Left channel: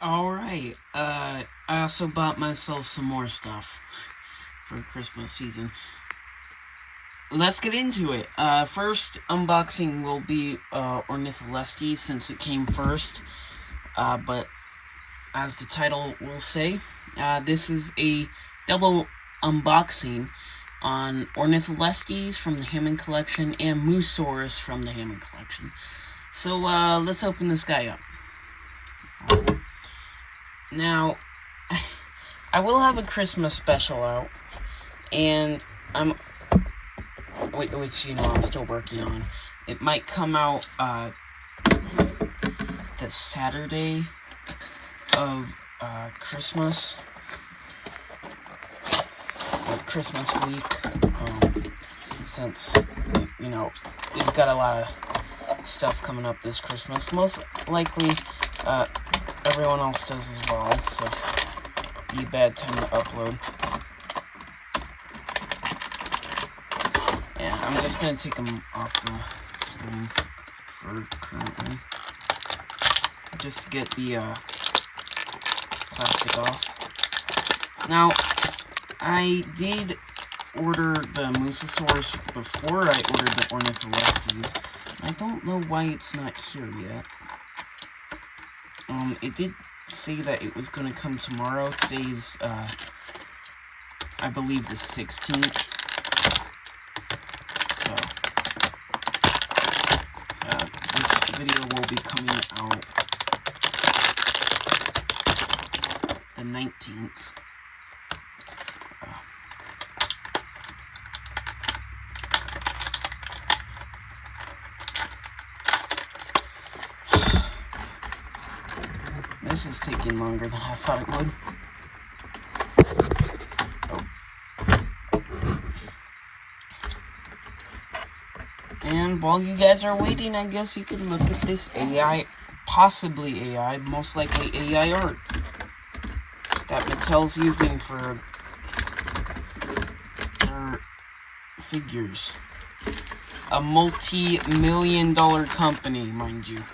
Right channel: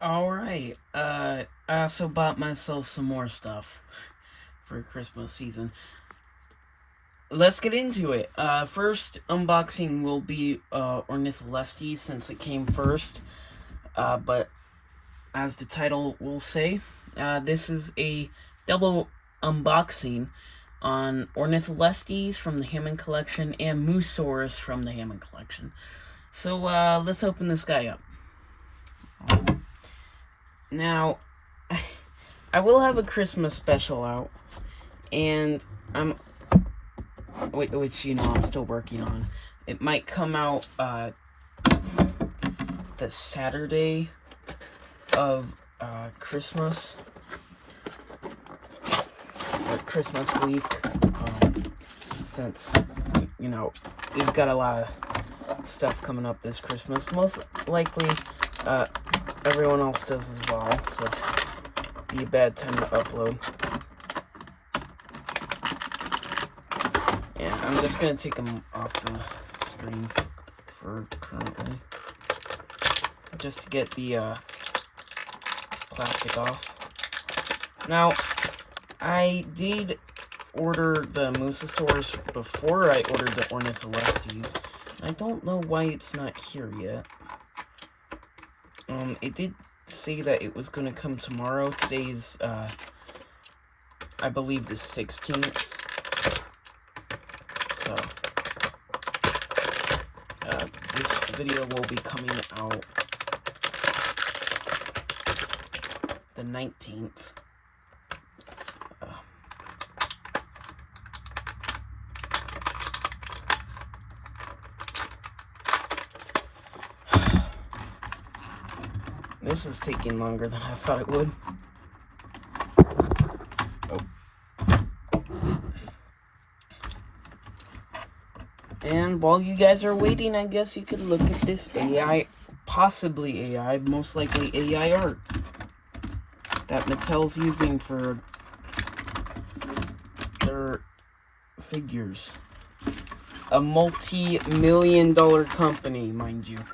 Alright, I also bought myself some more stuff for Christmas season. Let's get into it. First unboxing will be Ornitholestes since it came first. But as the title will say, this is a double unboxing on Ornitholestes from the Hammond collection and Mussaurus from the Hammond collection. So let's open this guy up. Now, I will have a Christmas special out, and which I'm still working on. It might come out the Saturday of Christmas or Christmas week, since we've got a lot of stuff coming up this Christmas. Most likely, everyone else does as well, so be a bad time to upload. Yeah, I'm just gonna take them off the screen for currently, just to get the plastic off. Now, I did order the Mussaurus before I ordered the Ornitholestes. I don't know why it's not here yet. It did say that it was going to come tomorrow. Today's, I believe, the 16th. So, this video will be coming out the 19th. This is taking longer than I thought it would. Oh. And while you guys are waiting, I guess you could look at this AI, possibly AI, most likely AI art that Mattel's using for their figures. A multi-million-dollar company, mind you.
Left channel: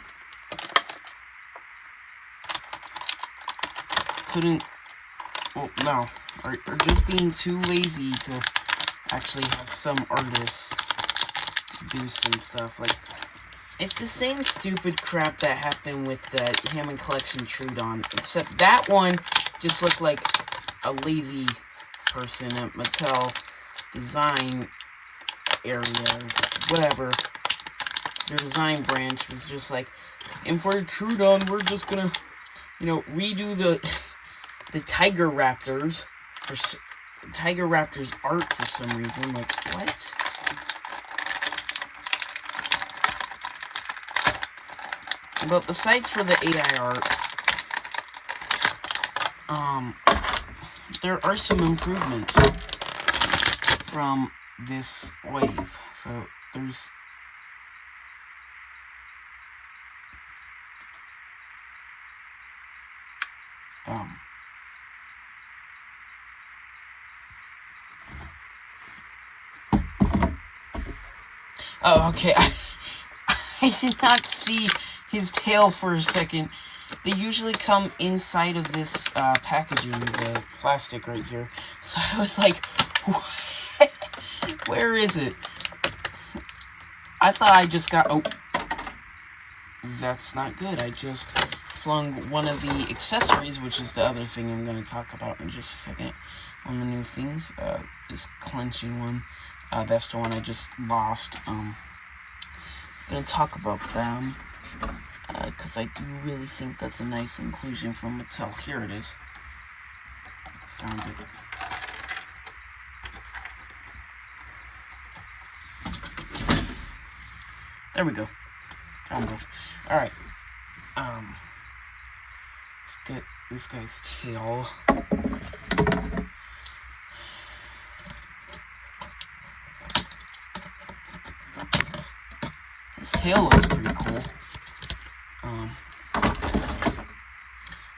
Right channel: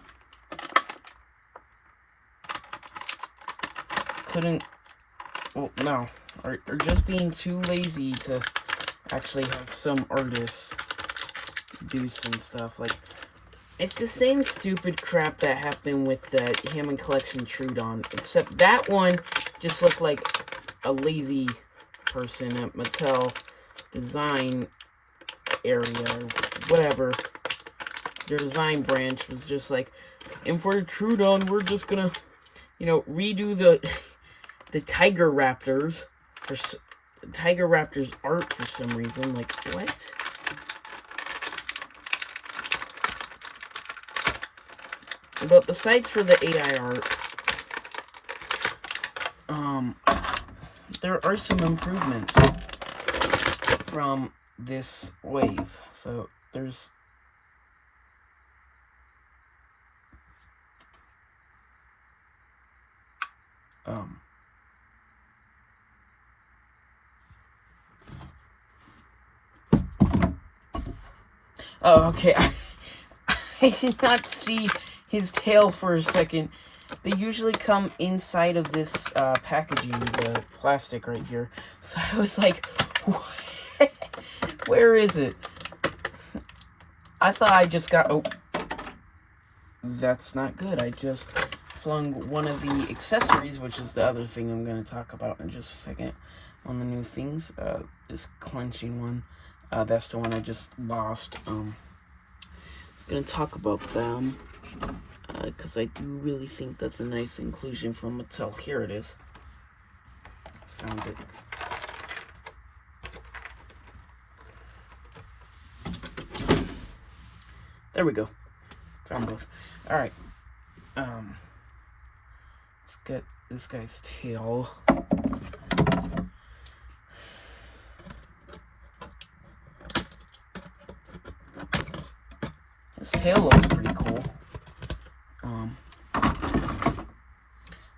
Are just being too lazy to actually have some artists do some stuff. Like, it's the same stupid crap that happened with the Hammond collection Trudon, except that one just looked like a lazy person at Mattel design area, or whatever. Their design branch was just like, and for Trudon, we're just gonna, redo the Tiger Raptors for Tiger Raptors art for some reason. Like, what? But besides for the AI art, there are some improvements from this wave. So there's oh, okay. I did not see his tail for a second. They usually come inside of this packaging, the plastic right here. So I was like, where is it? I thought I just got... Oh, that's not good. I just flung one of the accessories, which is the other thing I'm going to talk about in just a second. One of the new things, this clenching one. That's the one I just lost. I'm going to talk about them, because I do really think that's a nice inclusion from Mattel. Here it is. I found it. There we go. Found both. Alright. Let's get this guy's tail. His tail looks pretty cool.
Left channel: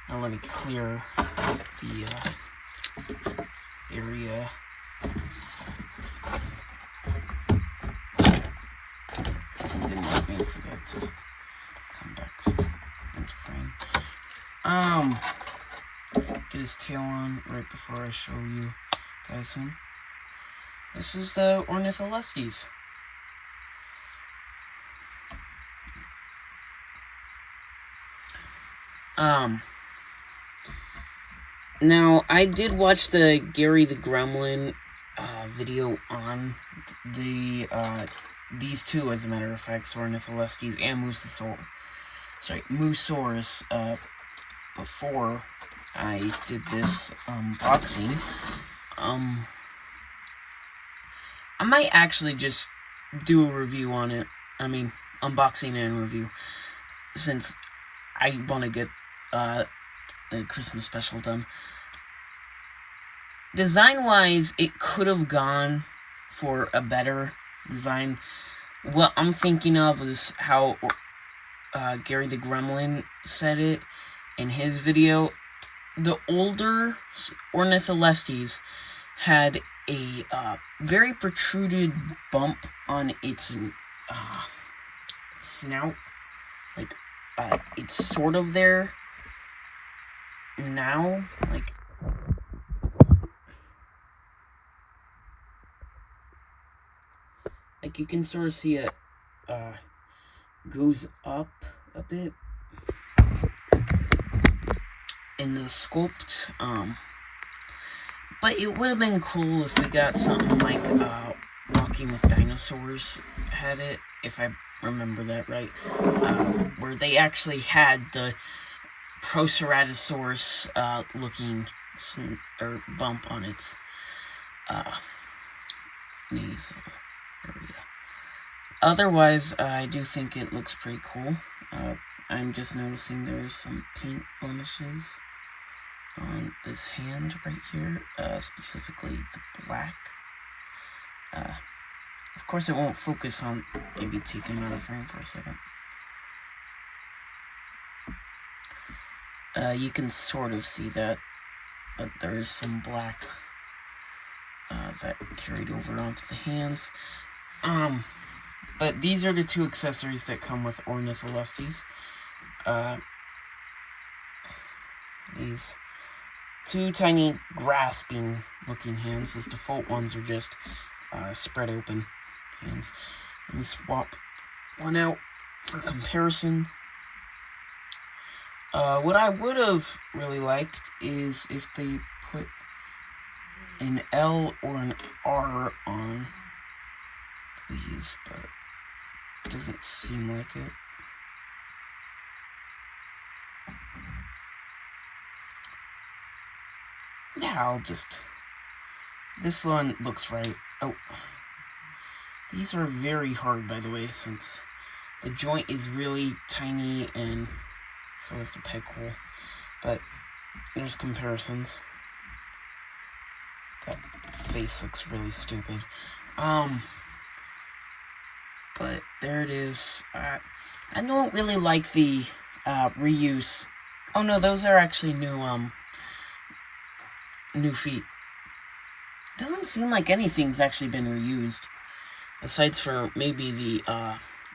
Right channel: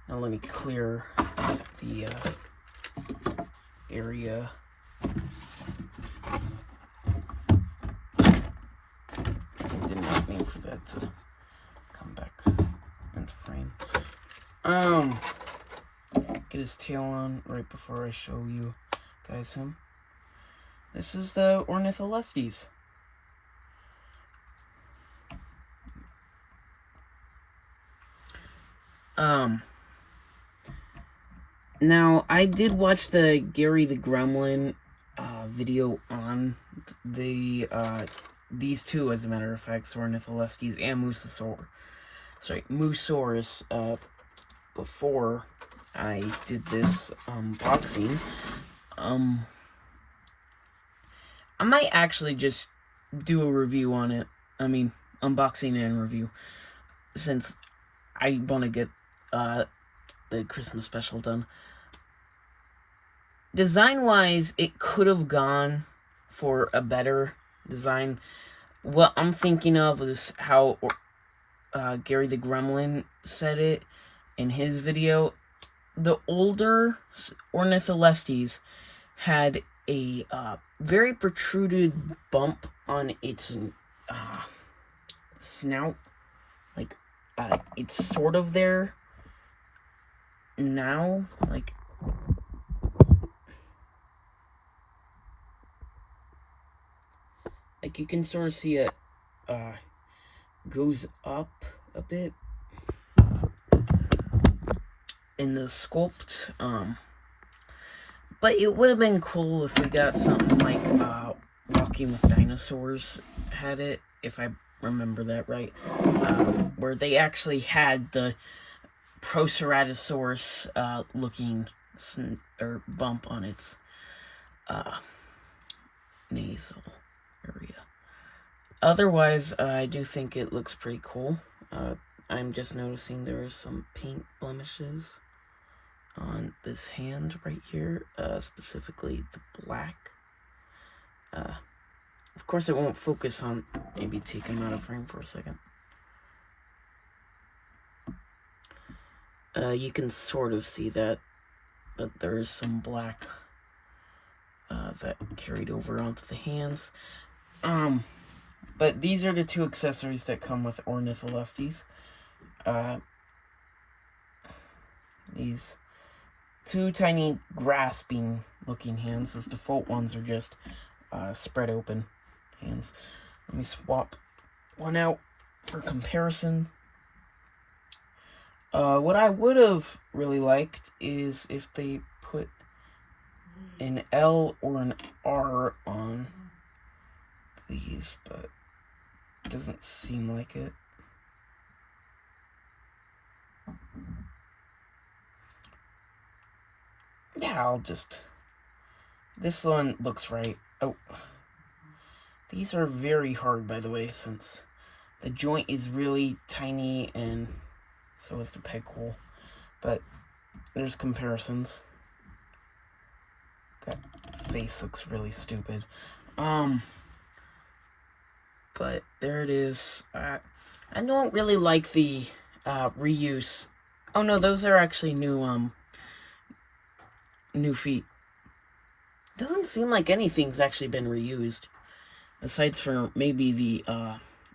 Now let me clear out the area. Did not mean for that to come back into frame. Get his tail on right before I show you guys him. This is the Ornitholestes. Now, I did watch the Gary the Gremlin video on the these two, as a matter of fact, Ornitholestes and Mussaurus, before I did this unboxing. I might actually just do a review on it. I mean, unboxing and review, since I want to get the Christmas special done. Design-wise, it could have gone for a better design. What I'm thinking of is how Gary the Gremlin said it in his video. The older Ornitholestes had a very protruded bump on its snout. Like, it's sort of there now. Like you can sort of see it goes up a bit in the sculpt. But it would have been cool if we got something like Walking with Dinosaurs had it, if I remember that right, where they actually had the Proceratosaurus looking bump on its nasal area. Otherwise, I do think it looks pretty cool. I'm just noticing there's some paint blemishes on this hand right here, specifically the black. Of course, it won't focus on, maybe take him out of frame for a second. You can sort of see that, but there is some black that carried over onto the hands. But these are the two accessories that come with Ornitholestes. These two tiny grasping looking hands. His default ones are just spread open hands. Let me swap one out for comparison. What I would have really liked is if they put an L or an R on these, but it doesn't seem like it. Yeah, this one looks right. Oh, these are very hard, by the way, since the joint is really tiny and so is the peg hole. But there's comparisons. That face looks really stupid. But there it is. I don't really like the reuse. Oh no, those are actually new feet. Doesn't seem like anything's actually been reused, besides for maybe the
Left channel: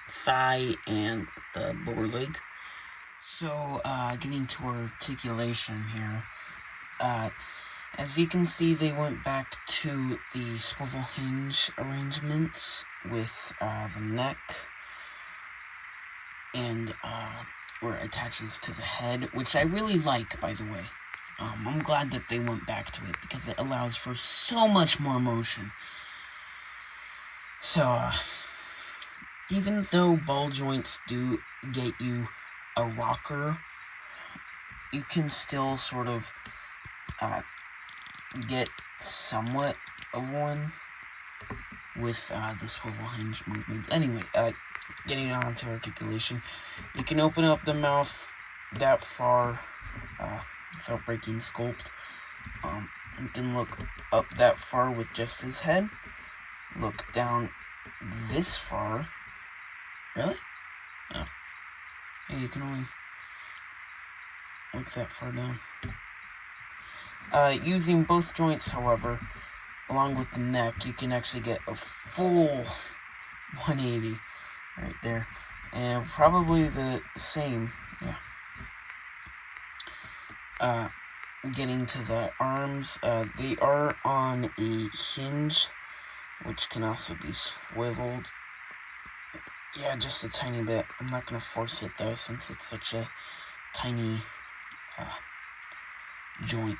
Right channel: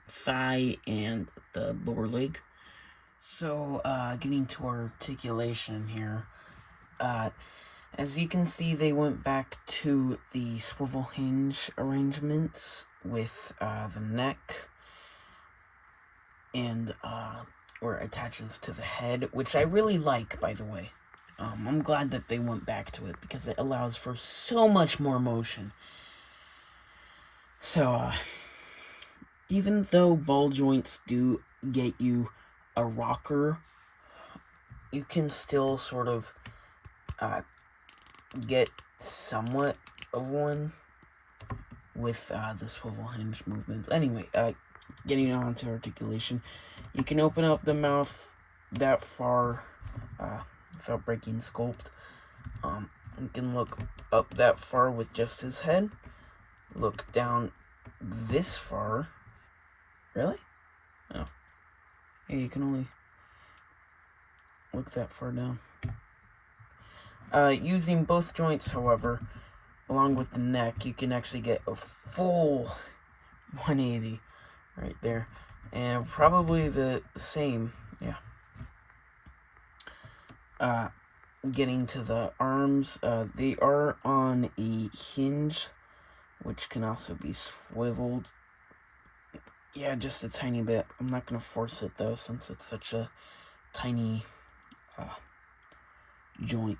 thigh and the lower leg. So, getting to articulation here. As you can see, they went back to the swivel hinge arrangements with the neck and where it attaches to the head, which I really like, by the way. I'm glad that they went back to it because it allows for so much more motion. So, even though ball joints do get you a rocker, you can still sort of get somewhat of one with the swivel hinge movement. Anyway, getting on to articulation, you can open up the mouth that far without breaking sculpt. You can look up that far with just his head. Look down this far. Really? Oh. Yeah, you can only look that far down. Using both joints, however, along with the neck, you can actually get a full 180 right there. And probably the same, yeah. getting to the arms, they are on a hinge, which can also be swiveled. Yeah, just a tiny bit. I'm not going to force it, though, since it's such a tiny joint.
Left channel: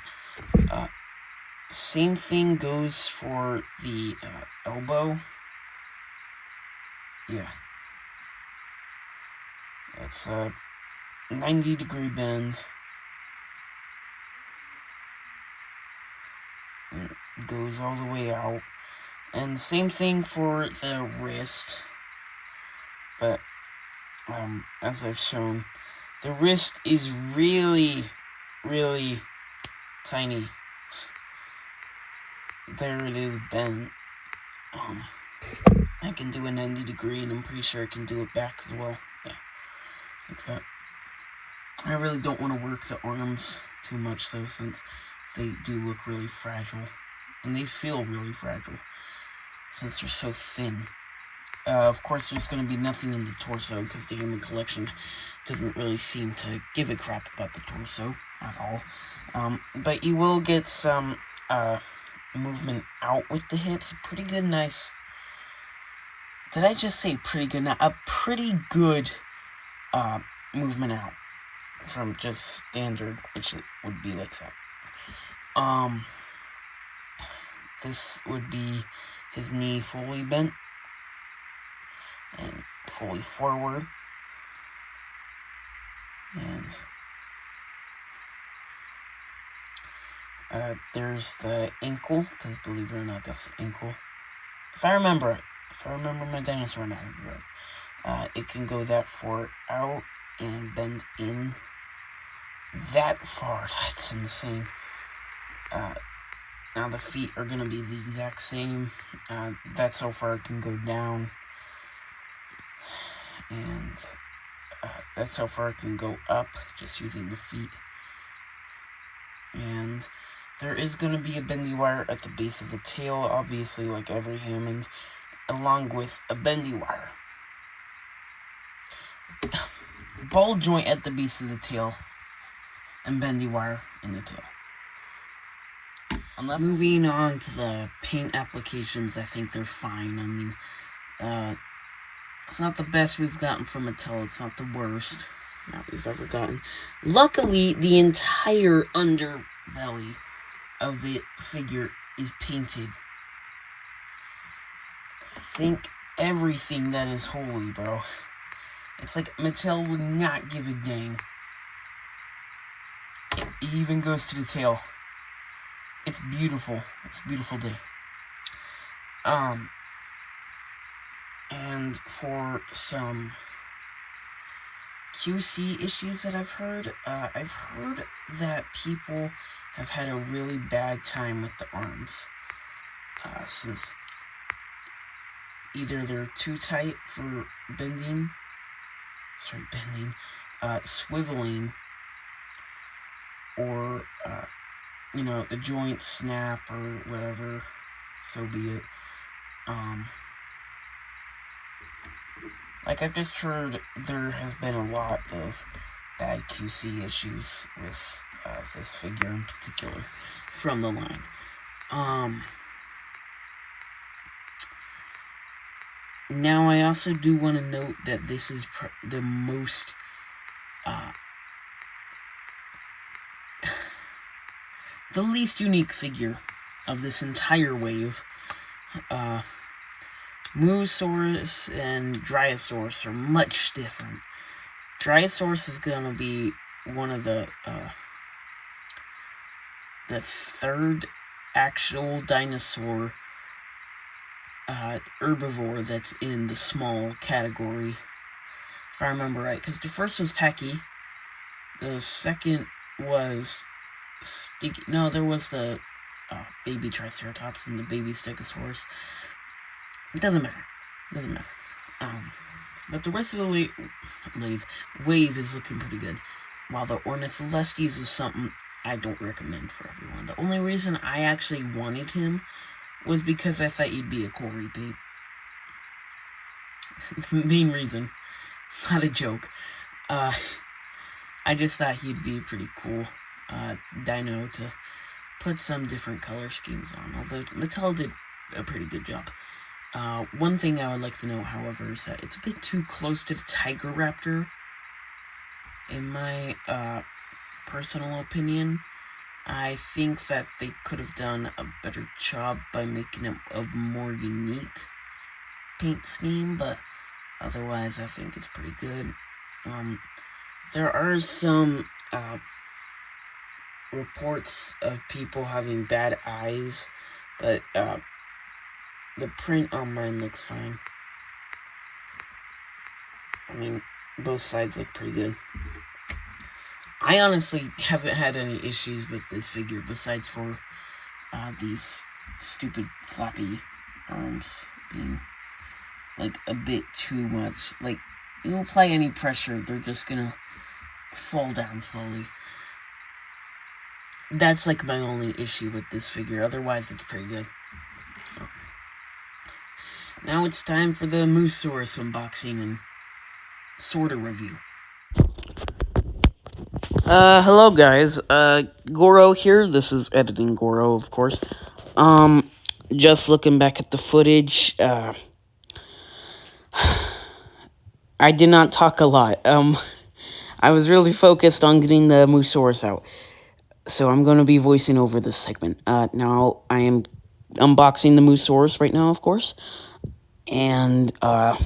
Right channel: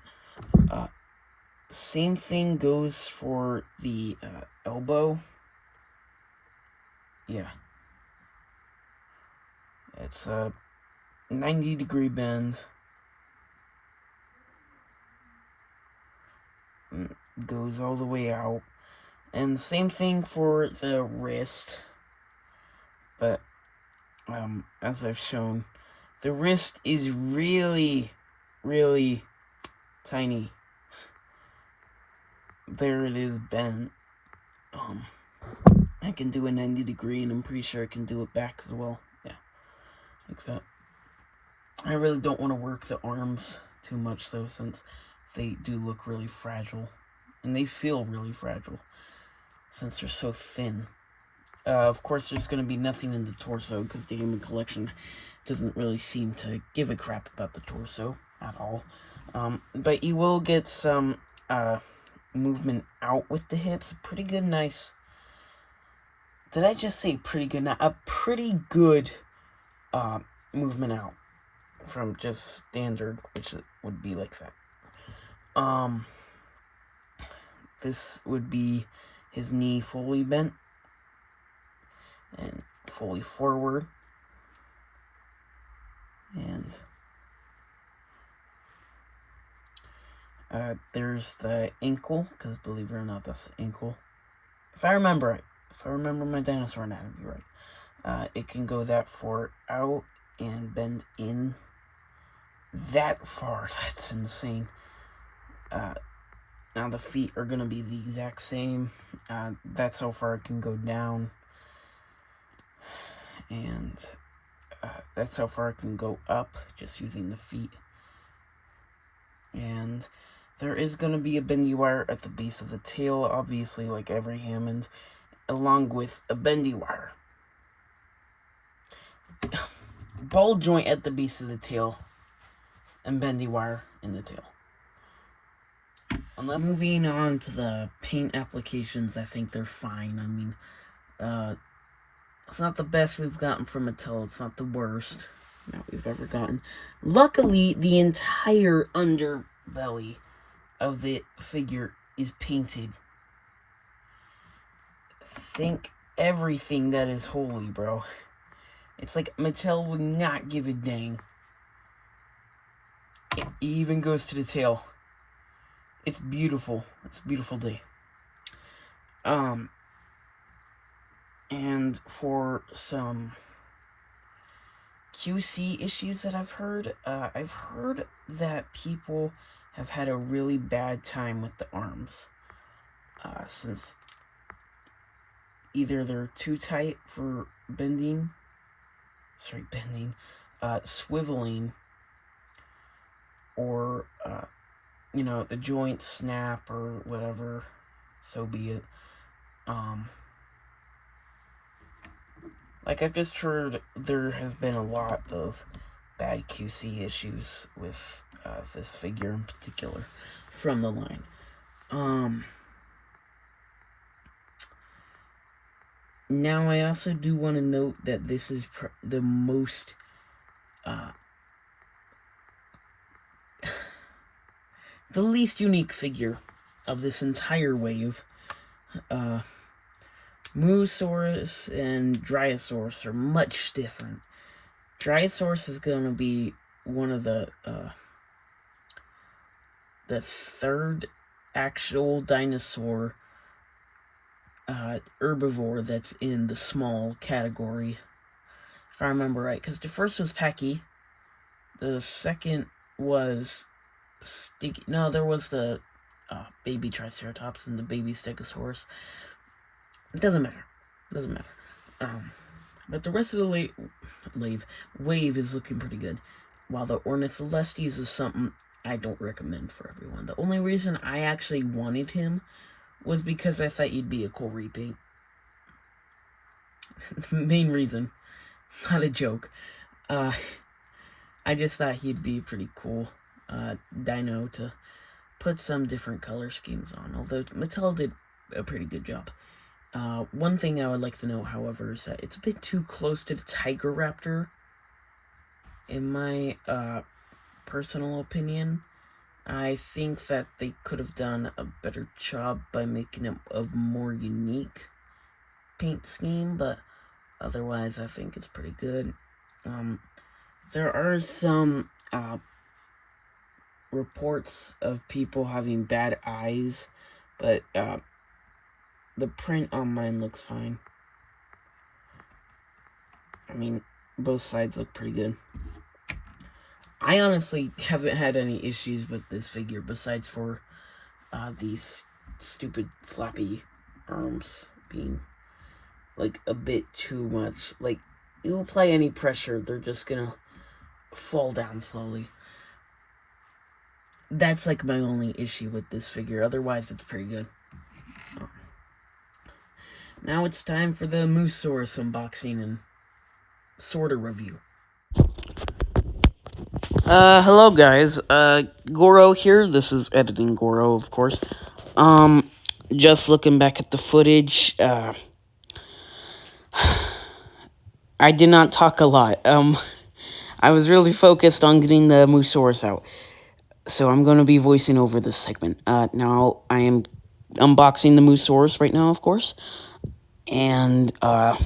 Same thing goes for the elbow. Yeah. It's a 90-degree bend. And it goes all the way out. And same thing for the wrist. But, as I've shown, the wrist is really, really tiny. There it is bent. I can do a 90-degree, and I'm pretty sure I can do it back as well. Yeah, like that. I really don't want to work the arms too much, though, since they do look really fragile. And they feel really fragile, since they're so thin. Of course, there's going to be nothing in the torso, because the Hammond collection doesn't really seem to give a crap about the torso at all. But you will get some movement out with the hips. Pretty good, nice. Did I just say pretty good? Now, a pretty good movement out from just standard, which would be like that. This would be his knee fully bent and fully forward. And there's the ankle, because believe it or not, that's the ankle. If I remember right, if I remember my dinosaur anatomy right, it can go that far out and bend in that far. That's insane. Now the feet are going to be the exact same. That's how far it can go down. And that's how far it can go up, just using the feet. And there is going to be a bendy wire at the base of the tail, obviously, like every Hammond, along with a bendy wire. Ball joint at the base of the tail, and bendy wire in the tail. Moving on to the paint applications, I think they're fine. I mean, it's not the best we've gotten from Mattel. It's not the worst that we've ever gotten. Luckily, the entire underbelly of the figure is painted. Think everything that is holy, bro. It's like Mattel would not give a dang. It even goes to the tail. It's beautiful. It's a beautiful day. And for some QC issues that I've heard that people have had a really bad time with the arms. Since either they're too tight for swiveling, or, the joints snap or whatever, so be it. Like I've just heard, there has been a lot of bad QC issues with this figure in particular from the line. Now, I also do want to note that this is the most the least unique figure of this entire wave. Mussaurus and Dryosaurus are much different. Dryosaurus is going to be one of the third actual dinosaur herbivore that's in the small category, if I remember right, because the first was Pecky, the second was there was the baby Triceratops and the baby Stegosaurus. It doesn't matter. But the rest of the wave is looking pretty good. While the Ornitholestes is something I don't recommend for everyone. The only reason I actually wanted him was because I thought he'd be a cool repaint. The main reason. Not a joke. I just thought he'd be pretty cool. dino to put some different color schemes on, although Mattel did a pretty good job. One thing I would like to note, however, is that it's a bit too close to the Tiger Raptor, in my personal opinion. I think that they could have done a better job by making it a more unique paint scheme, but otherwise I think it's pretty good. There are some reports of people having bad eyes, but the print on mine looks fine. I mean, both sides look pretty good. I honestly haven't had any issues with this figure besides for these stupid flappy arms being like a bit too much. Like, you apply any pressure, they're just gonna fall down slowly. That's like my only issue with this figure. Otherwise, it's pretty good. Now it's time for the Mussaurus unboxing and sort of review. Hello guys, Goro here. This is editing Goro, of course. Just looking back at the footage, I did not talk a lot. I was really focused on getting the Mussaurus out. So I'm going to be voicing over this segment. Now, I am unboxing the Mussaurus right now, of course. And, I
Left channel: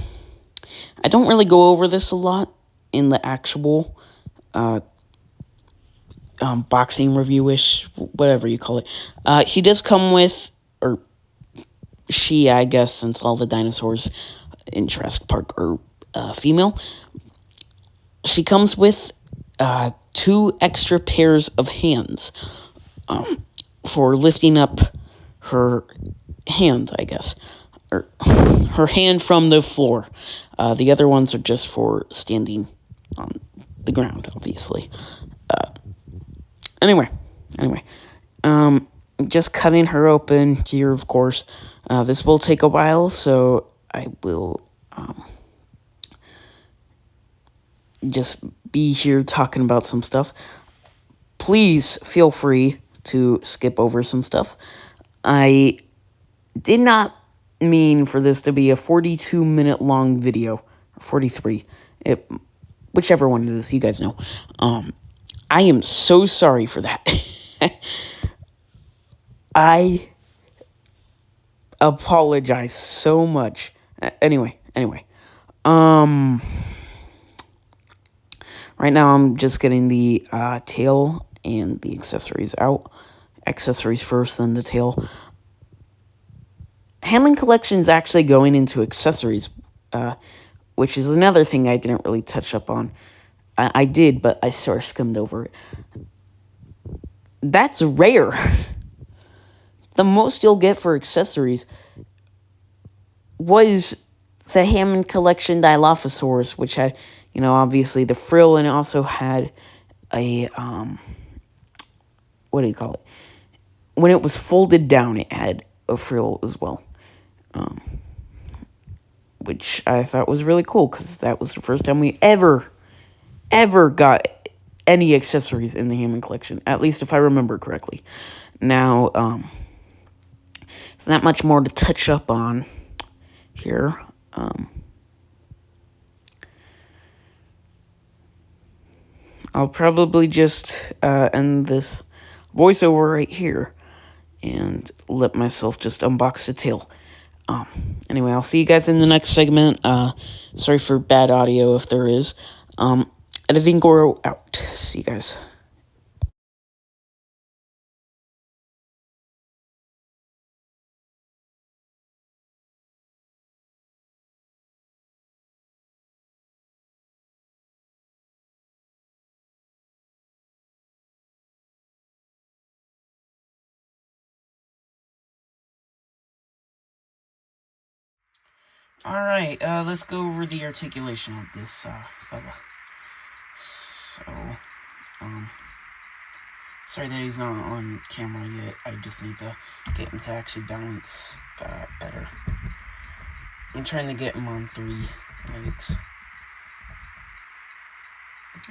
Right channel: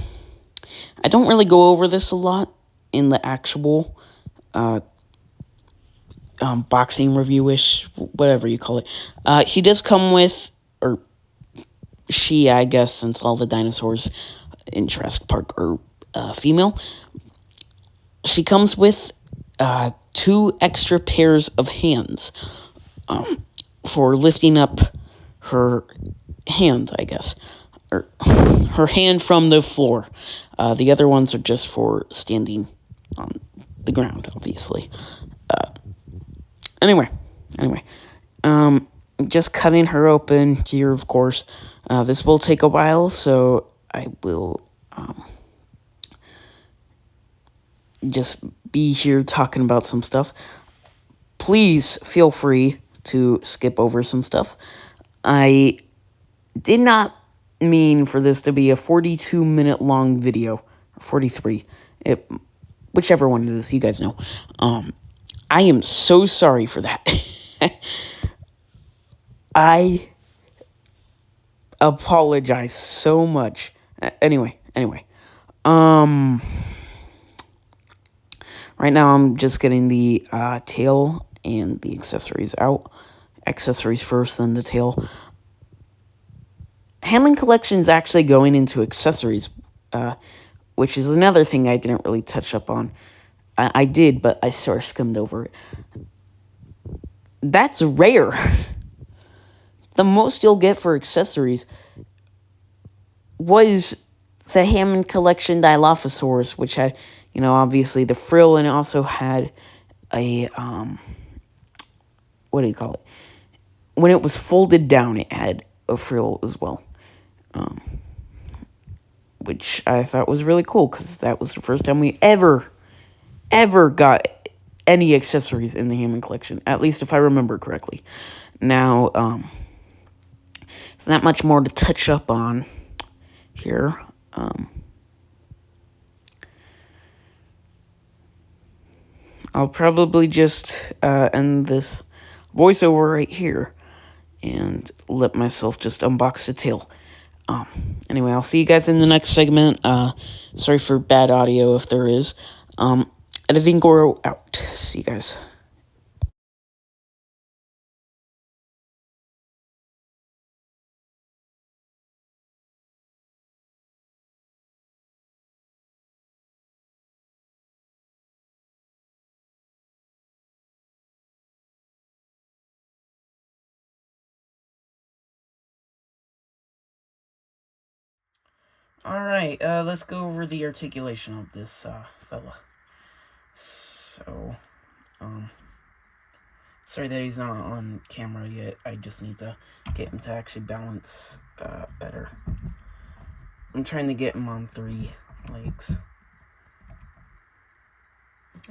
don't really go over this a lot in the actual, boxing review-ish, whatever you call it. He does come with, or she, I guess, since all the dinosaurs in Jurassic Park are, female. She comes with, 2 extra pairs of hands, for lifting up her hand, I guess. Or her hand from the floor. The other ones are just for standing on the ground, obviously. Anyway, just cutting her open here, of course. This will take a while, so I will just be here talking about some stuff. Please feel free to skip over some stuff. I did not mean for this to be a 42-minute long video. 43. Whichever one it is, you guys know. I am so sorry for that. I apologize so much. Anyway. Right now I'm just getting the tail and the accessories out. Accessories first, then the tail. Hammond Collection is actually going into accessories, which is another thing I didn't really touch up on. I did, but I sort of skimmed over it. That's rare. The most you'll get for accessories was the Hammond Collection Dilophosaurus, which had, obviously the frill, and it also had a, what do you call it? When it was folded down, it had a frill as well. Which I thought was really cool, because that was the first time we ever got any accessories in the Hammond Collection, at least if I remember correctly. Now, there's not much more to touch up on here. I'll probably just end this voiceover right here and let myself just unbox the tail. Anyway, I'll see you guys in the next segment. Sorry for bad audio if there is. Editing Goro out. See you guys. Alright, let's go over the articulation of this fella. So, sorry that he's not on camera yet. I just need to get him to actually balance better. I'm trying to get him on 3 legs.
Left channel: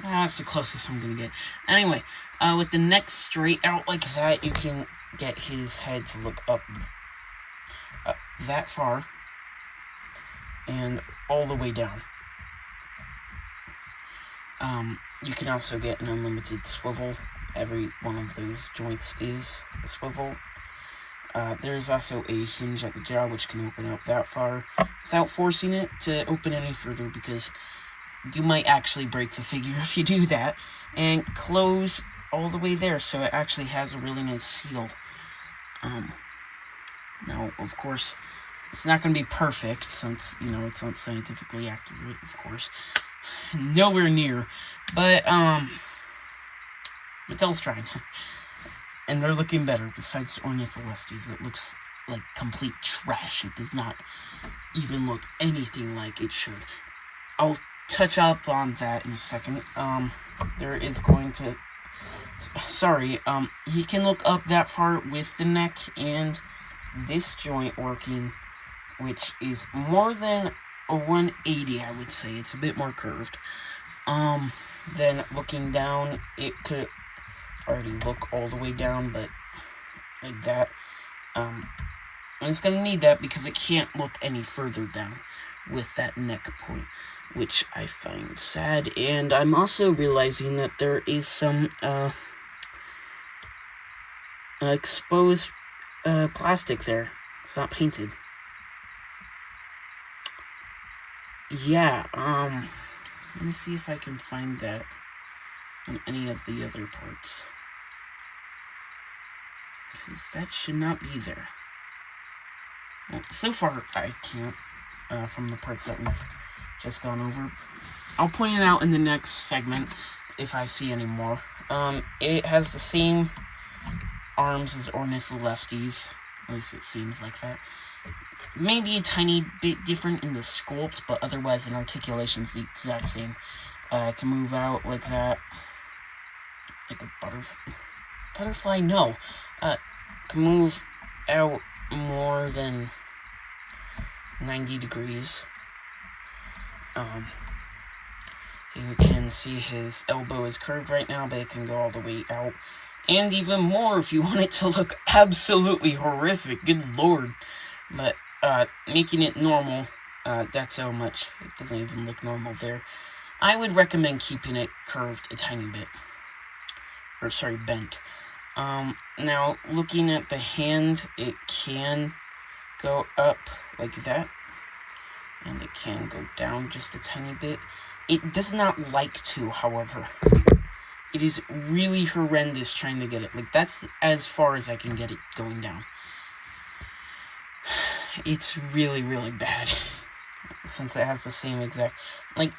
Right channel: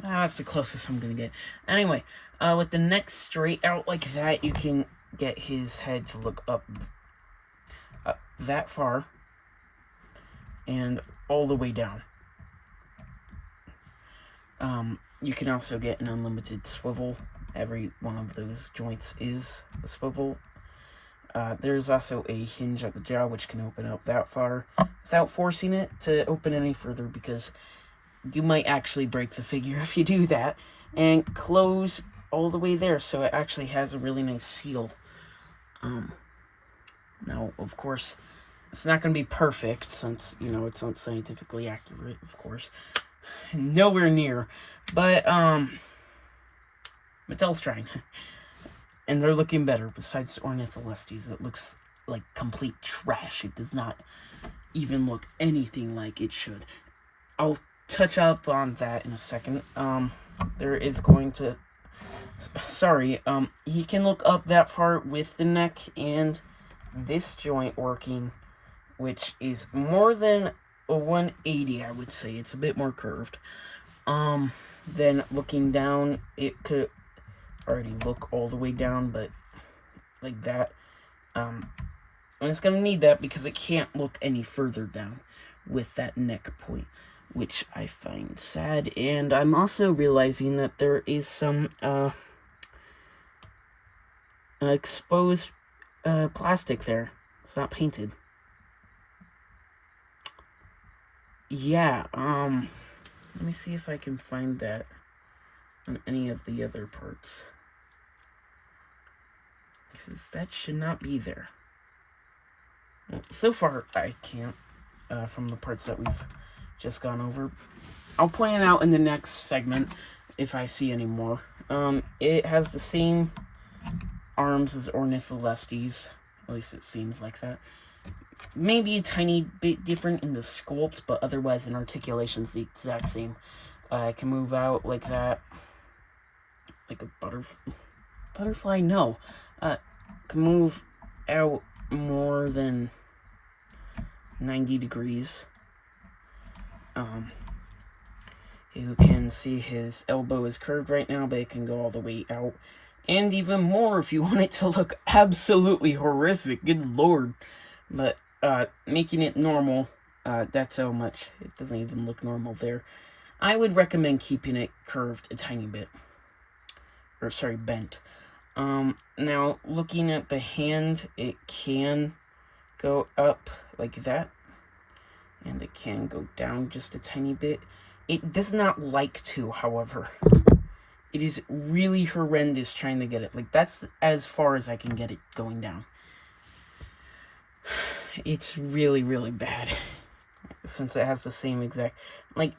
That's the closest I'm gonna get. Anyway, with the neck straight out like that, you can get his head to look up that far and all the way down. You can also get an unlimited swivel. Every one of those joints is a swivel. There's also a hinge at the jaw, which can open up that far without forcing it to open any further, because you might actually break the figure if you do that. And close all the way there, so it actually has a really nice seal. Now, of course, it's not going to be perfect, since, you know, it's not scientifically accurate, of course. Nowhere near. But, Mattel's trying. And they're looking better, besides Ornitholestes. It looks like complete trash. It does not even look anything like it should. I'll touch up on that in a second. There is going to... Sorry, he can look up that far with the neck and this joint working, which is more than a 180, I would say. It's a bit more curved. Then looking down, it could already look all the way down, but like that. And it's gonna need that because it can't look any further down with that neck point, which I find sad. And I'm also realizing that there is some exposed plastic there. It's not painted. Yeah, let me see if I can find that on any of the other parts, because that should not be there. Well, so far I can't, from the parts that we've just gone over. I'll point it out in the next segment if I see any more. It has the same arms as Ornitholestes, at least it seems like that. Maybe a tiny bit different in the sculpt, but otherwise in articulation's the exact same. I can move out like that, like a butterfly. No, can move out more than 90 degrees. You can see his elbow is curved right now, but it can go all the way out, and even more if you want it to look absolutely horrific. Good lord. But making it normal, that's how much. It doesn't even look normal there. I would recommend keeping it curved a tiny bit. Or, sorry, bent. Now, looking at the hand, it can go up like that. And it can go down just a tiny bit. It does not like to, however. It is really horrendous trying to get it. Like, that's as far as I can get it going down. It's really, really bad, since it has the same exact... Like,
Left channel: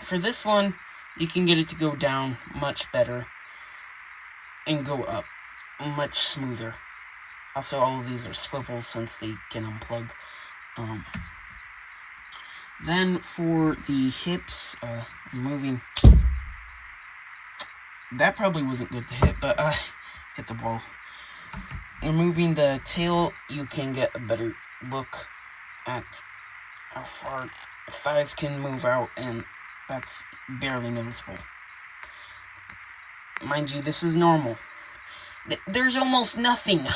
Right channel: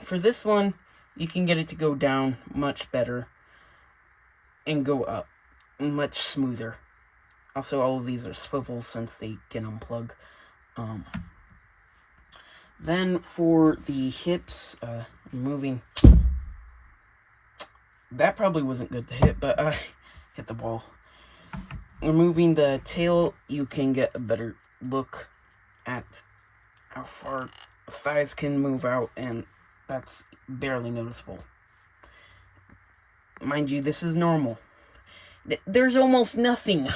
for this one, you can get it to go down much better, and go up much smoother. Also, all of these are swivels, since they can unplug. Then, for the hips, moving... That probably wasn't good to hit, but hit the ball. Removing the tail, you can get a better look at how far thighs can move out, and that's barely noticeable. Mind you, this is normal. There's almost nothing.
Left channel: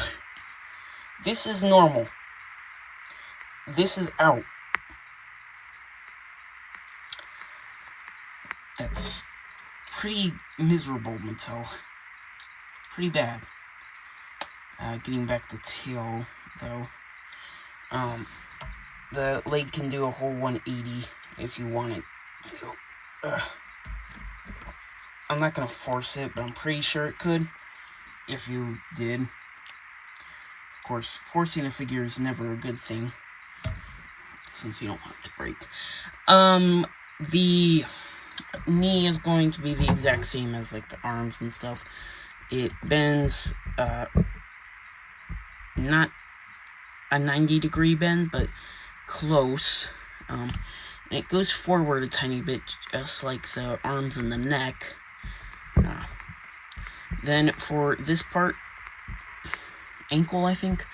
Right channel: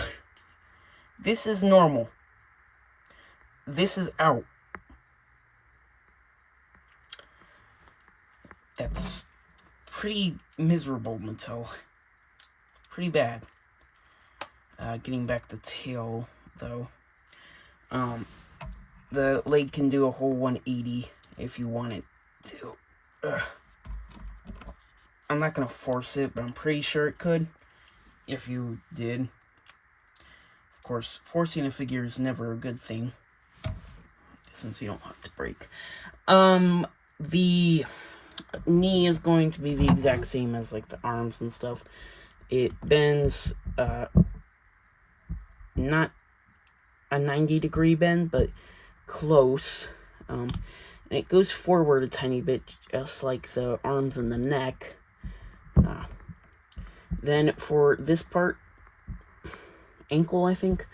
This is normal. This is out. That's pretty miserable, Mattel. Pretty bad. Getting back the tail, though. The leg can do a whole 180 if you want it to. I'm not gonna force it, but I'm pretty sure it could if you did. Of course, forcing a figure is never a good thing, since you don't want it to break. The knee is going to be the exact same as, like, the arms and stuff. It bends, not a 90-degree bend, but close. And it goes forward a tiny bit, just like the arms and the neck. Then for this part, ankle, I think,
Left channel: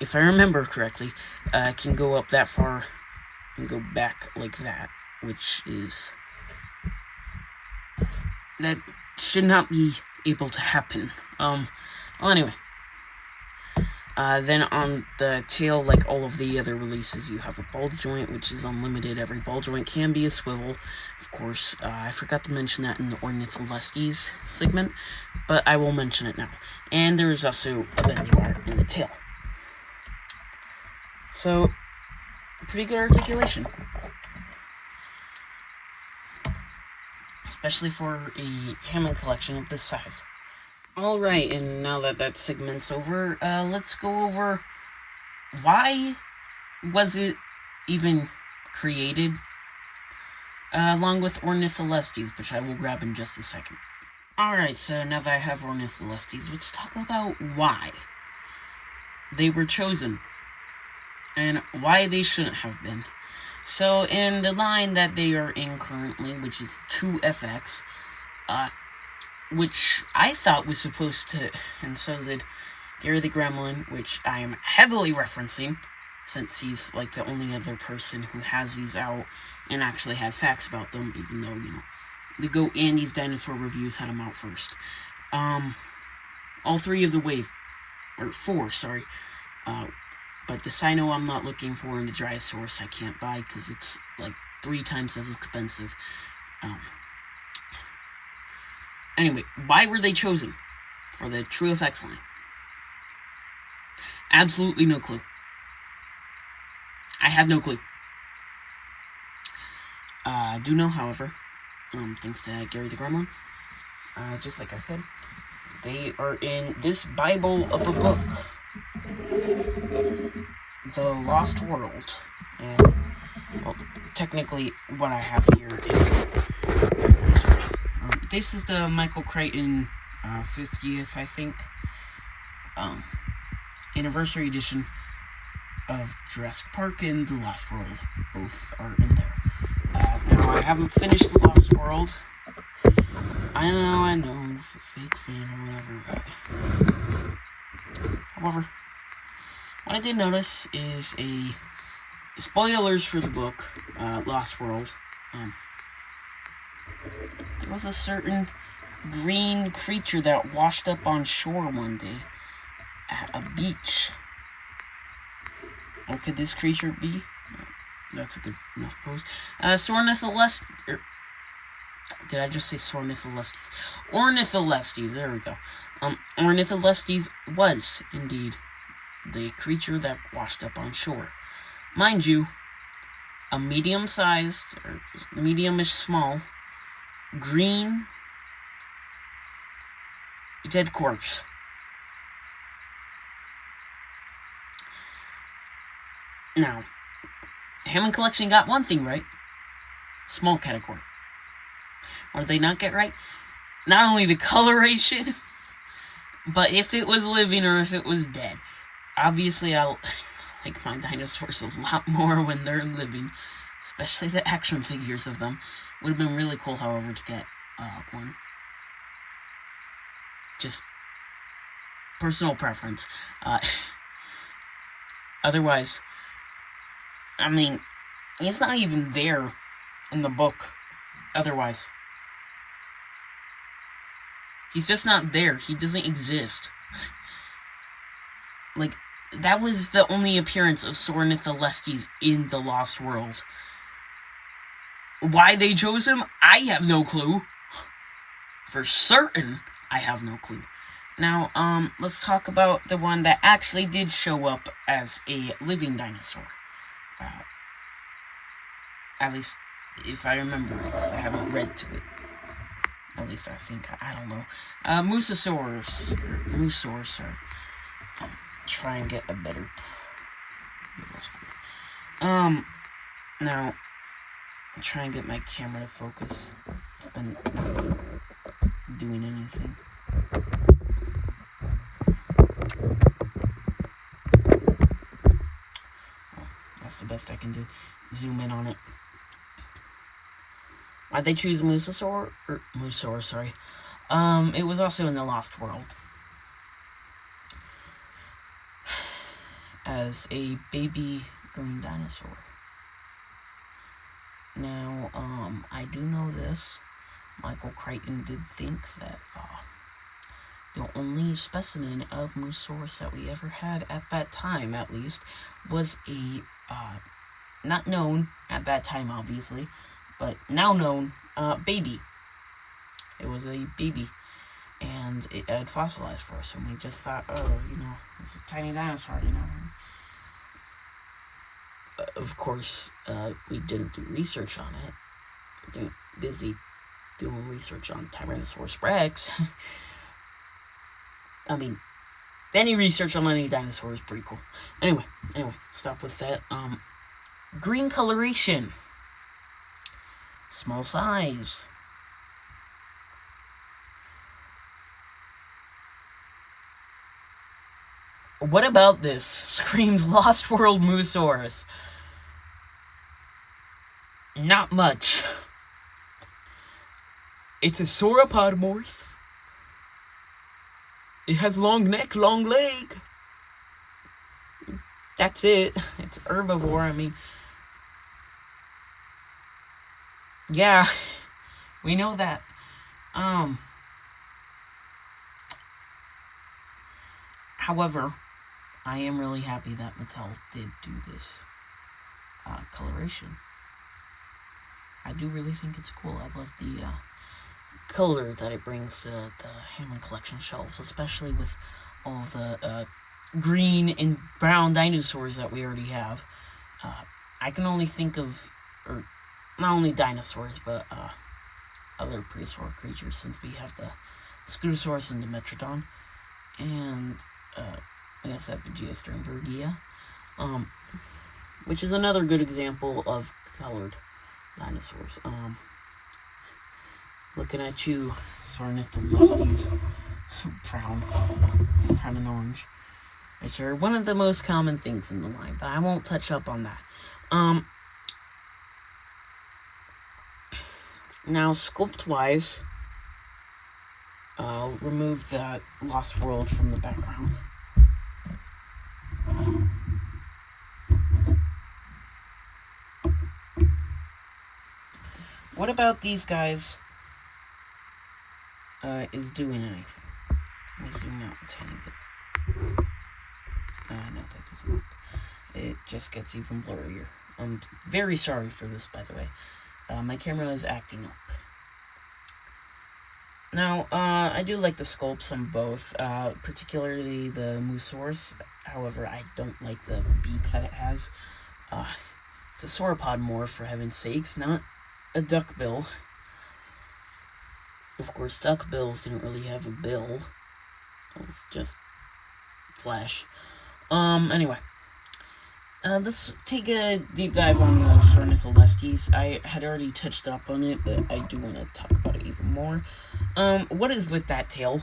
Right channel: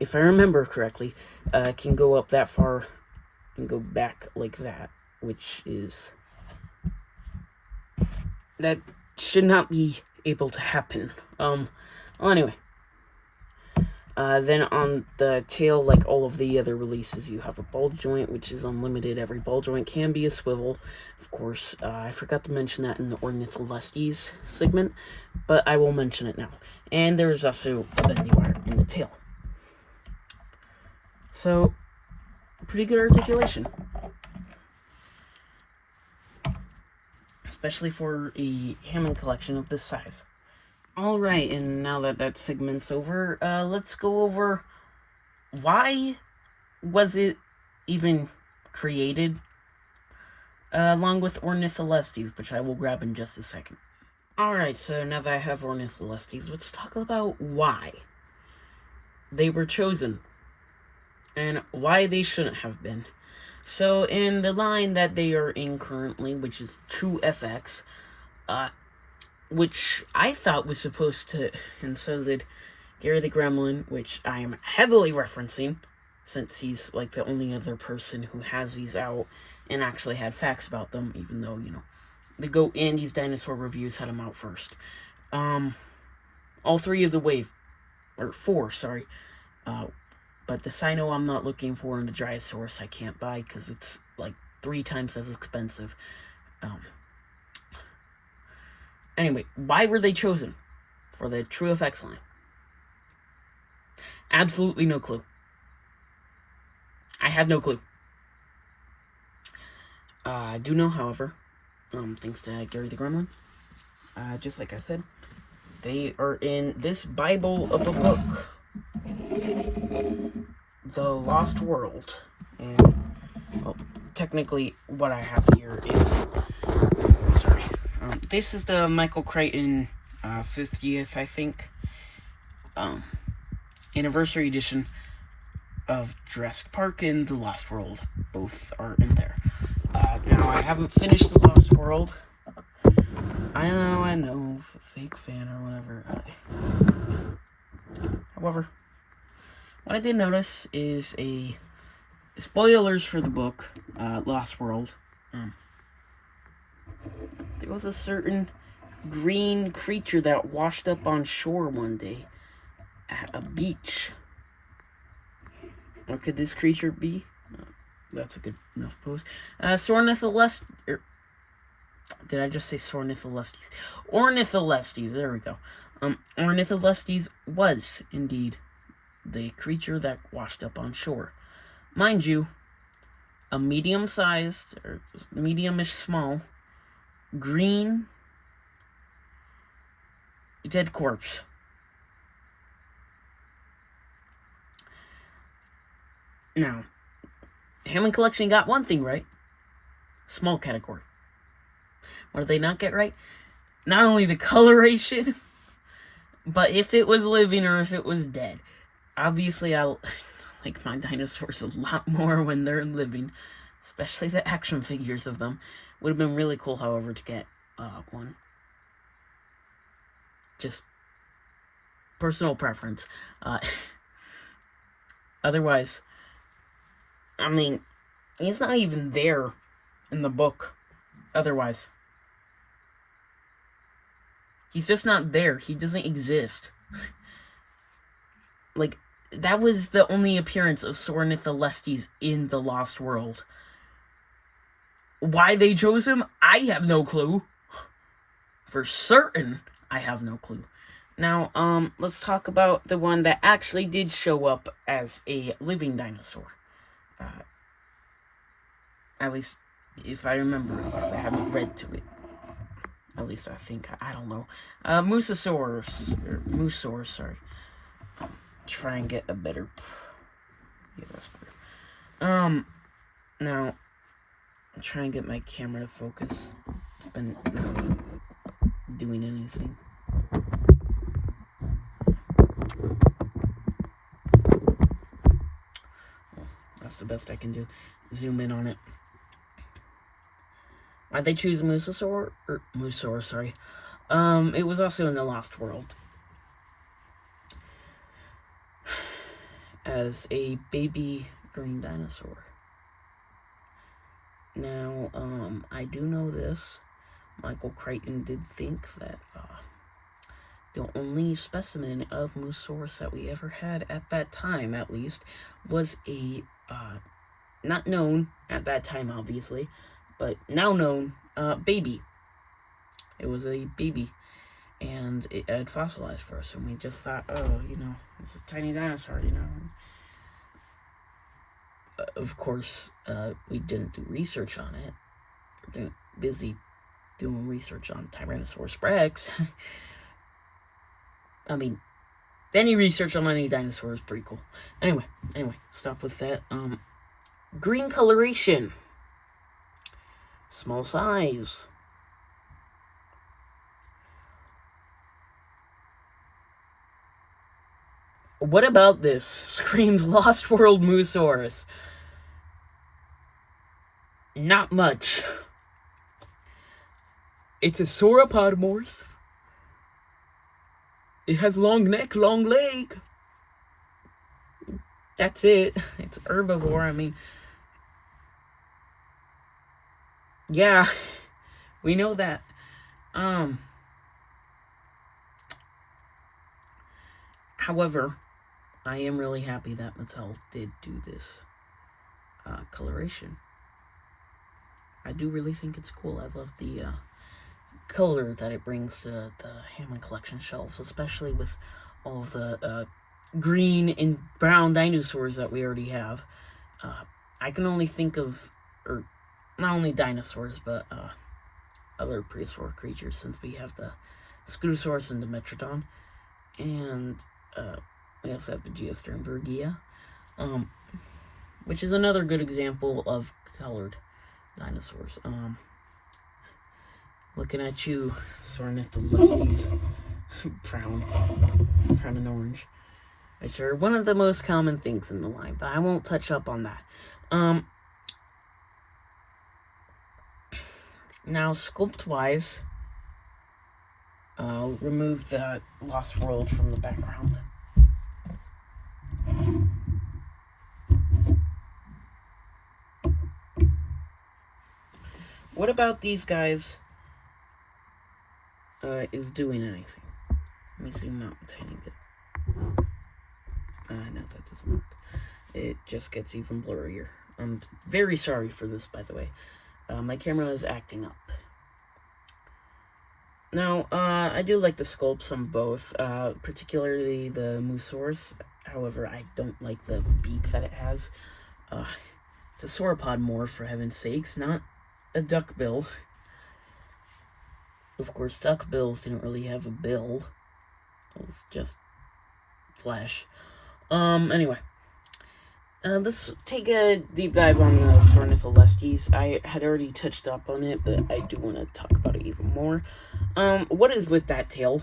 if I remember correctly, can go up that far and go back like that, which is that should not be able to happen. Well, anyway. Then on the tail, like all of the other releases, you have a ball joint, which is unlimited. Every ball joint can be a swivel. Of course, I forgot to mention that in the Ornitholestes segment, but I will mention it now. And there is also a bendy wire in the tail. So, pretty good articulation. Especially for a Hammond collection of this size. Alright, and now that that segment's over, let's go over why was it even created, along with Ornitholestes, which I will grab in just a second. Alright, so now that I have Ornitholestes, let's talk about why they were chosen, and why they shouldn't have been. So, in the line that they are in currently, which is True FX, which I thought was supposed to, and so did Gary the Gremlin, which I am heavily referencing, since he's, like, the only other person who has these out and actually had facts about them, even though, you know, the Go Andy's Dinosaur Reviews had them out first. All three of the wave, or four, sorry, but the Sino I'm not looking for, and the Dryosaurus I can't buy, because it's, like, 3 times as expensive. Anyway, why were they chosen for the True FX line? Absolutely no clue. I have no clue. I do know, however, thanks to Gary the Gremlin, just like I said, they are in this Bible of a book, The Lost World. And, well, technically, what I have here is, sorry, this is the Michael Crichton 50th, I think, anniversary edition of Jurassic Park and The Lost World. Both are in there. Now, I haven't finished The Lost World. I know, fake fan or whatever. However, what I did notice is spoilers for the book, Lost World. There was a certain green creature that washed up on shore one day at a beach. What could this creature be? That's a good enough pose. Ornitholestes. Did I just say Ornitholestes? Ornitholestes, there we go. Ornitholestes was, indeed, the creature that washed up on shore. Mind you, a medium-sized, or medium-ish small, green, dead corpse. Now, Hammond Collection got one thing right. Small category. What did they not get right? Not only the coloration, but if it was living or if it was dead. Obviously, I like my dinosaurs a lot more when they're living, especially the action figures of them. Would have been really cool, however, to get one. Just personal preference. Otherwise, I mean, he's not even there in the book. Otherwise, he's just not there. He doesn't exist. Like, that was the only appearance of Ornitholestes in The Lost World. Why they chose him, I have no clue. For certain, I have no clue. Now, let's talk about the one that actually did show up as a living dinosaur. At least, if I remember it, because I haven't read to it. At least I think, I don't know. Mussaurus, sorry. Try and get a better... Yeah, that's weird. Now, try and get my camera to focus. It's been not doing anything. Well, that's the best I can do. Zoom in on it. Why'd they choose Mussaurus, sorry. It was also in The Lost World. As a baby green dinosaur. Now, I do know this. Michael Crichton did think that the only specimen of Mussaurus that we ever had at that time, at least, was a, not known at that time, obviously, but now known, baby. It was a baby, and it had fossilized first, and we just thought, oh, you know, it's a tiny dinosaur, you know. Of course, we didn't do research on it. We're busy doing research on Tyrannosaurus Rex. I mean, any research on any dinosaur is pretty cool. Anyway, stop with that. Green coloration. Small size. What about this? Screams Lost World Mussaurus. Not much. It's a sauropodomorph. It has long neck, long leg. That's it. It's herbivore, I mean. Yeah, we know that. However, I am really happy that Mattel did do this coloration. I do really think it's cool. I love the color that it brings to the Hammond collection shelves, especially with all of the green and brown dinosaurs that we already have. I can only think of, or not only dinosaurs, but other prehistoric creatures, since we have the Scutosaurus and the Metrodon, and we also have the Geosternbergia, which is another good example of colored dinosaurs. Looking at you, Ornitholestes, brown and orange, which are one of the most common things in the line, but I won't touch up on that. Now, sculpt-wise, I'll remove that Lost World from the background. What about these guys is doing anything? Let me zoom out a tiny bit. No, that doesn't work. It just gets even blurrier. I'm very sorry for this, by the way. My camera is acting up. Now, I do like the sculpts on both, particularly the Mussaurus. However, I don't like the beak that it has. It's a sauropod morph, for heaven's sakes, not a duckbill. Of course, duckbills didn't really have a bill. It was just flesh. Anyway. Let's take a deep dive on the Ornitholestes. I had already touched up on it, but I do want to talk about it even more. What is with that tail?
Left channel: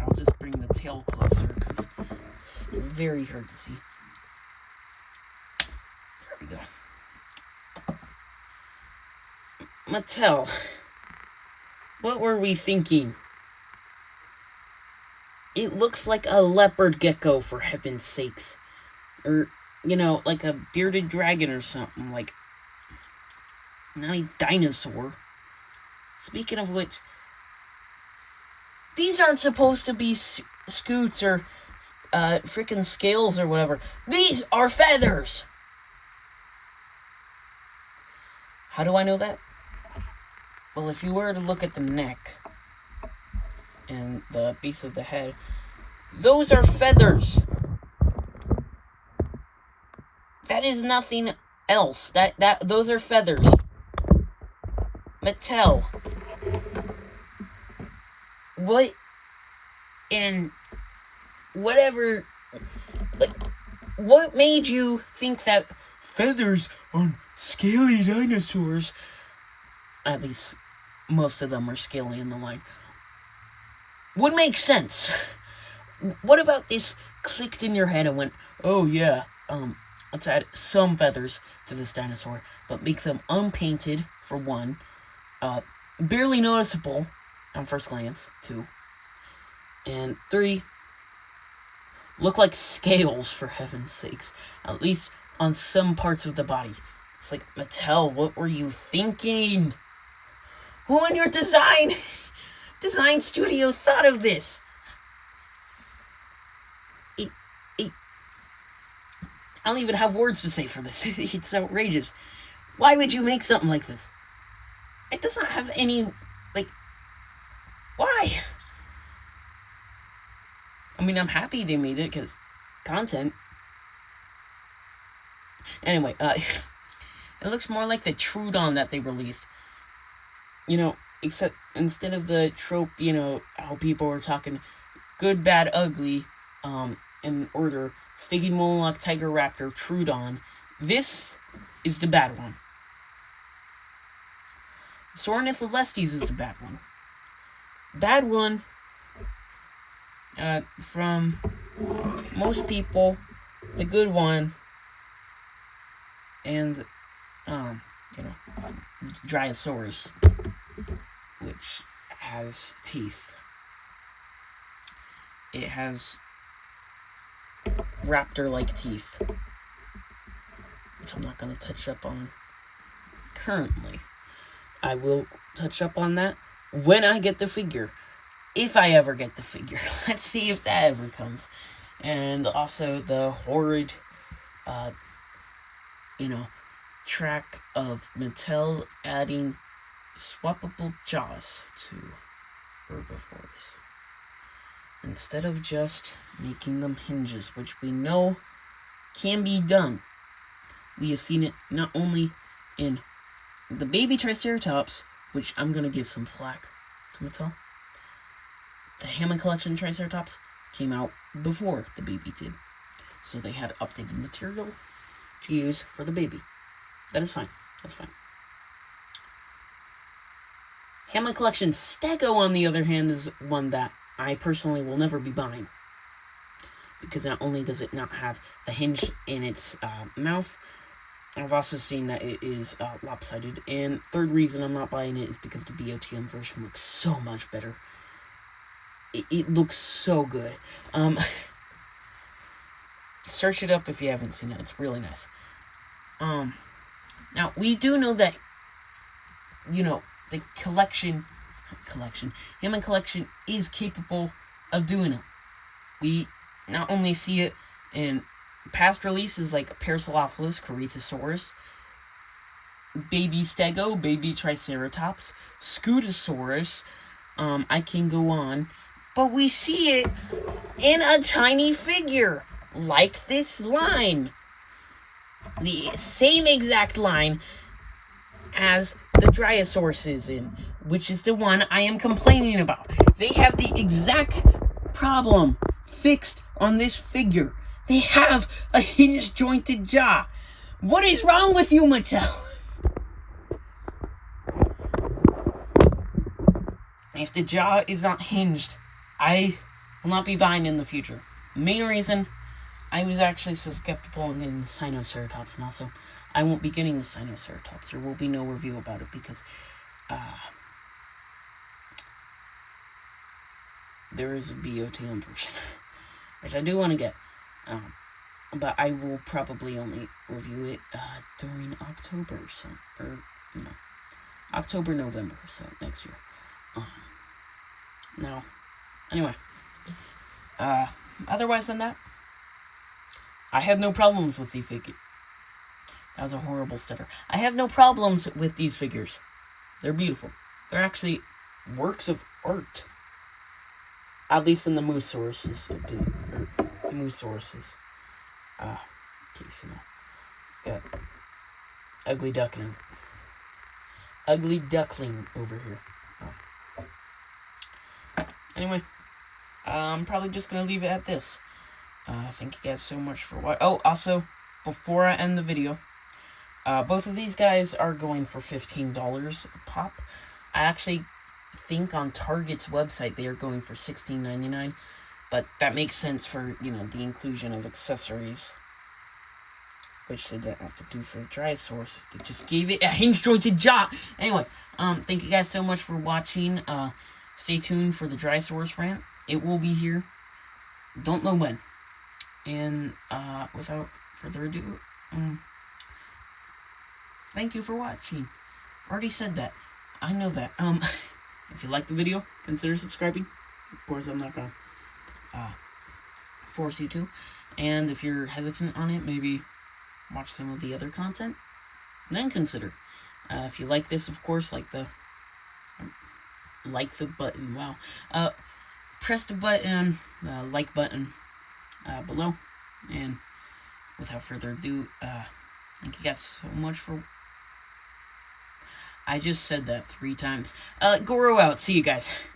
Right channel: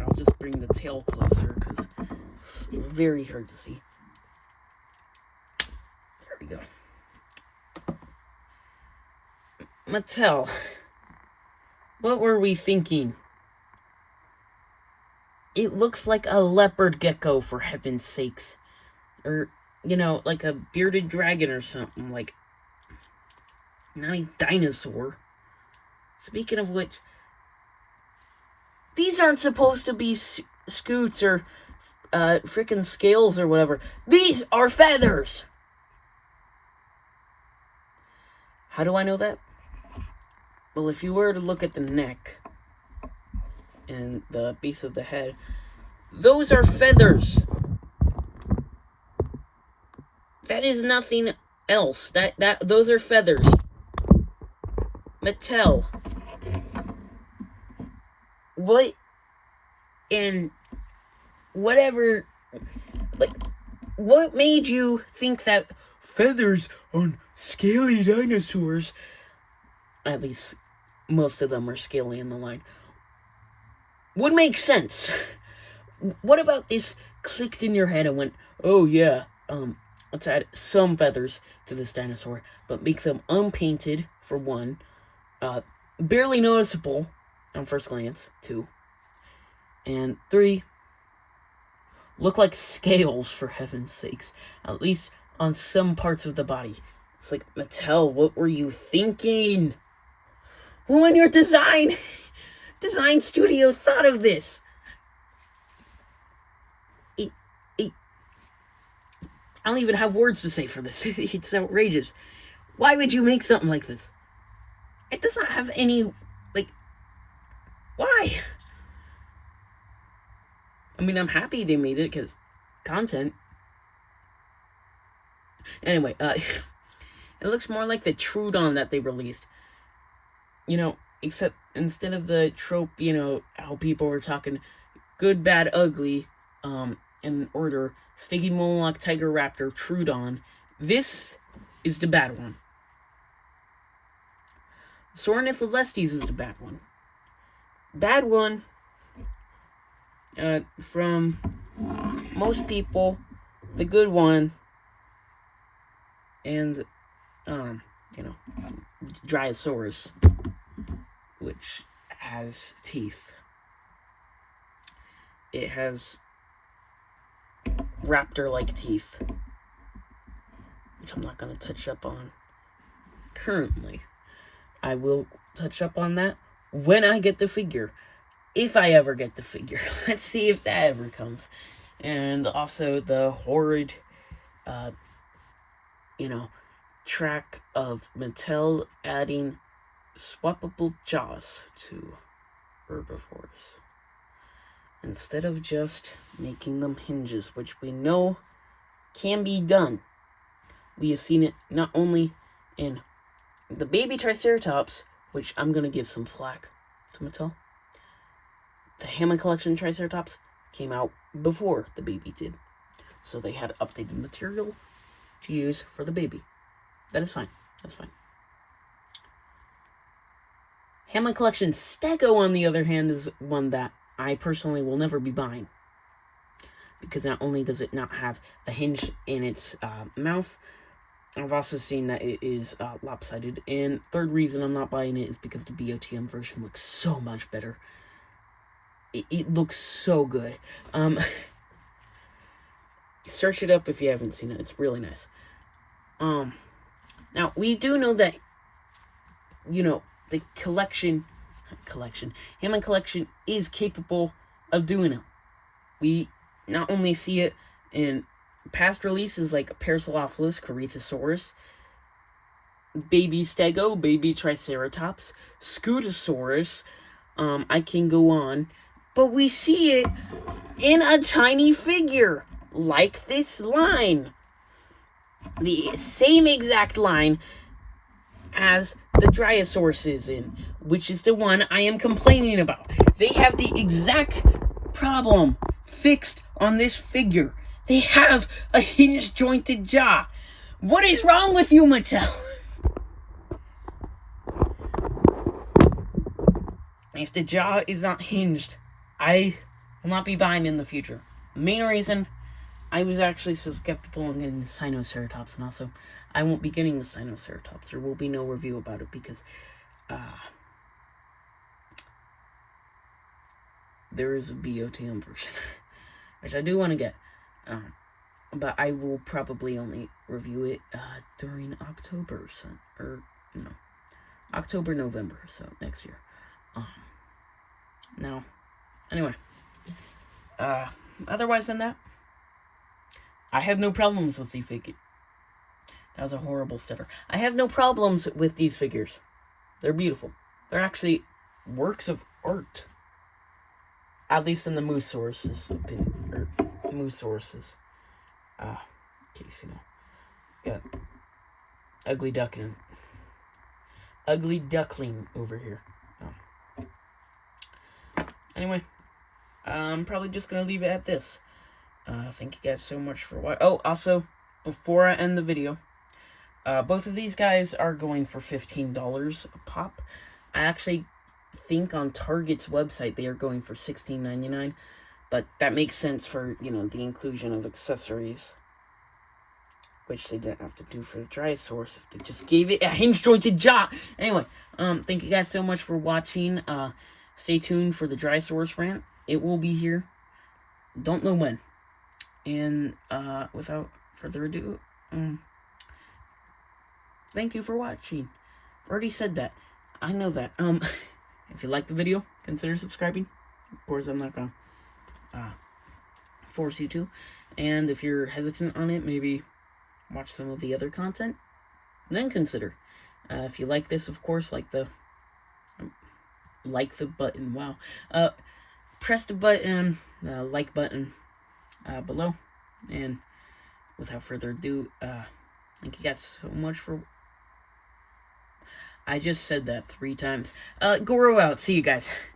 I'll just bring the tail closer, because it's very hard to see. There we go. Mattel, what were we thinking? It looks like a leopard gecko, for heaven's sakes. Or, you know, like a bearded dragon or something. Like, not a dinosaur. Speaking of which, these aren't supposed to be scoots or freaking scales or whatever. These are feathers! How do I know that? Well, if you were to look at the neck and the base of the head, those are feathers. That is nothing else. Those are feathers. Mattel. What in whatever, like, what made you think that feathers on scaly dinosaurs, at least most of them are scaly in the line, would make sense? What about this clicked in your head and went, oh yeah, let's add some feathers to this dinosaur, but make them unpainted, for one, barely noticeable on first glance, 2, and 3, look like scales, for heaven's sakes. At least on some parts of the body. It's like, Mattel, what were you thinking? Who in your design studio thought of this? I don't even have words to say for this. It's outrageous. Why would you make something like this? It does not have any, like, why? I mean, I'm happy they made it, because content. Anyway, it looks more like the Trudon that they released. You know, except instead of the trope, you know, how people were talking good, bad, ugly, in order, Sticky Moloch, Tiger Raptor, Trudon, this is the bad one. Ornitholestes is the bad one. Bad one, from most people, the good one, and, you know, Dryosaurus, which has teeth. It has raptor-like teeth, which I'm not going to touch up on currently. I will touch up on that when I get the figure. If I ever get the figure. Let's see if that ever comes. And also the horrid, you know, track of Mattel adding swappable jaws to herbivores. Instead of just making them hinges, which we know can be done. We have seen it not only in the baby Triceratops, which I'm going to give some slack to Mattel. The Hammond Collection Triceratops came out before the baby did. So they had updated material to use for the baby. That is fine. That's fine. Hammond Collection Stego, on the other hand, is one that I personally will never be buying. Because not only does it not have a hinge in its mouth, I've also seen that it is lopsided. And third reason I'm not buying it is because the BOTM version looks so much better. It looks so good. Search it up if you haven't seen it. It's really nice. Now, we do know that, you know, the Hammond Collection is capable of doing it. We not only see it in past releases like Parasaurolophus, Corythosaurus, Baby Stego, Baby Triceratops, Scutosaurus, I can go on, but we see it in a tiny figure, like this line. The same exact line as the Dryosaurus is in, which is the one I am complaining about. They have the exact problem fixed on this figure. They have a hinge-jointed jaw. What is wrong with you, Mattel? If the jaw is not hinged, I will not be buying in the future. Main reason, I was actually so skeptical on getting the Sinoceratops, and also, I won't be getting the Sinoceratops. There will be no review about it because, there is a BOTM version, which I do want to get, but I will probably only review it, during October, so, or, no, October, November, so next year. Now, anyway, otherwise than that, I have no problems with the figure. That was a horrible stutter. I have no problems with these figures. They're beautiful. They're actually works of art. At least in the Mussaurus' opinion. Or Mussaurus'. Casimo. Got ugly duckling. Ugly duckling over here. Anyway, I'm probably just going to leave it at this. Thank you guys so much for watching. Oh, also, before I end the video, both of these guys are going for $15 a pop. I actually think on Target's website they are going for $16.99, but that makes sense for, you know, the inclusion of accessories, which they didn't have to do for the Dryosaurus if they just gave it a hinge-jointed jaw. Anyway, thank you guys so much for watching. Stay tuned for the Dryosaurus rant. It will be here. Don't know when. And without further ado, thank you for watching. I've already said that. I know that. If you like the video, consider subscribing. Of course, I'm not gonna force you to. And if you're hesitant on it, maybe watch some of the other content, then consider. If you like this, of course, like the button. Wow. Press the button, like button below. And without further ado, thank you guys so much for... I just said that 3 times. Goro out. See you guys.